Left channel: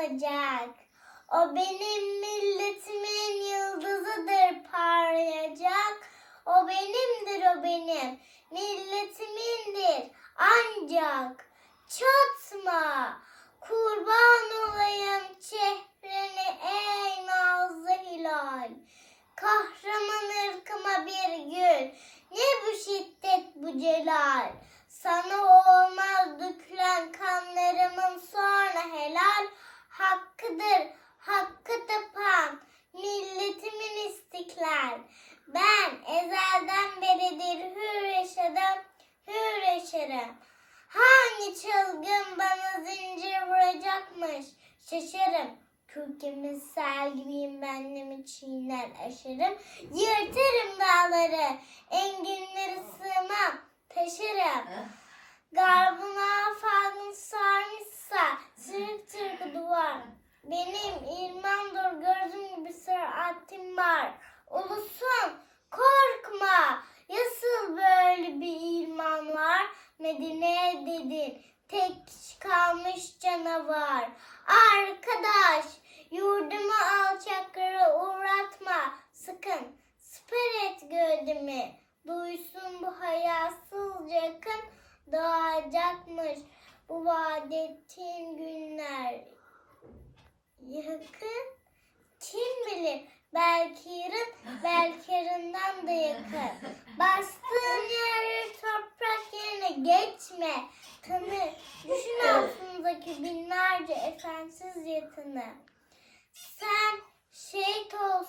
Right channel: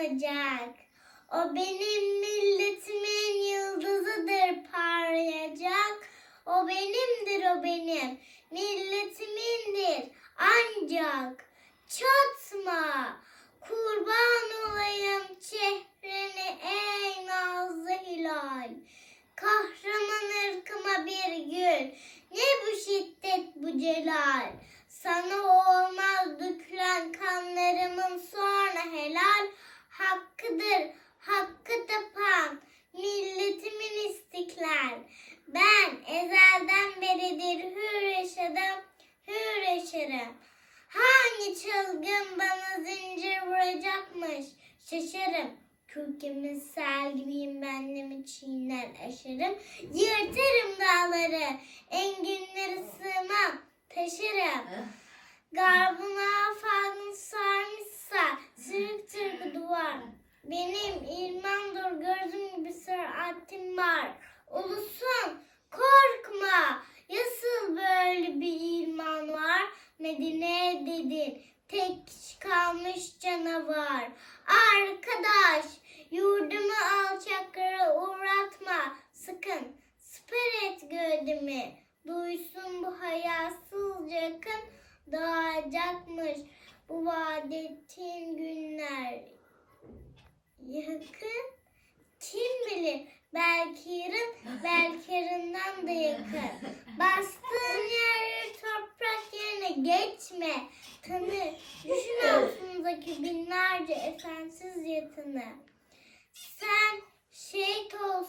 olacak. O benim milletimin yıldızıdır parlayacak. O benimdir o benim milletimindir ancak çatma kurban olayım çehreni ey nazlı hilal. Kahraman ırkıma bir gül ne bu şiddet bu celal. Sana olmaz dökülen kanlı Hakkıdır hakkı tapan milletimin istiklal. Ben ezelden beridir hür yaşadım, hür yaşarım. Hangi çılgın bana zincir vuracakmış? Şaşarım. Kürkümün sel gibiyim benlemi çiğner aşarım. Yırtarım dağları, enginleri sığmam, taşırım. Benim ilmandır gözüm gibi süratim var. Ulusun korkma, yasıl böyle bir ilman var. Medine dedin, tek kalmış canavar. Arkadaş, yurdumu alçaklara uğratma. Sakın, siper et gövdemi. Duysun bu hayasız yakın doğacakmış. Bu vaat ettiğin günler yakın. Kim bilir belki yarın, belki yarından da yakın. Bastığın yer toprak yerine geçme. Tanı, düşün altındaki binlerce efensiz yatını. Sen şehit olsun,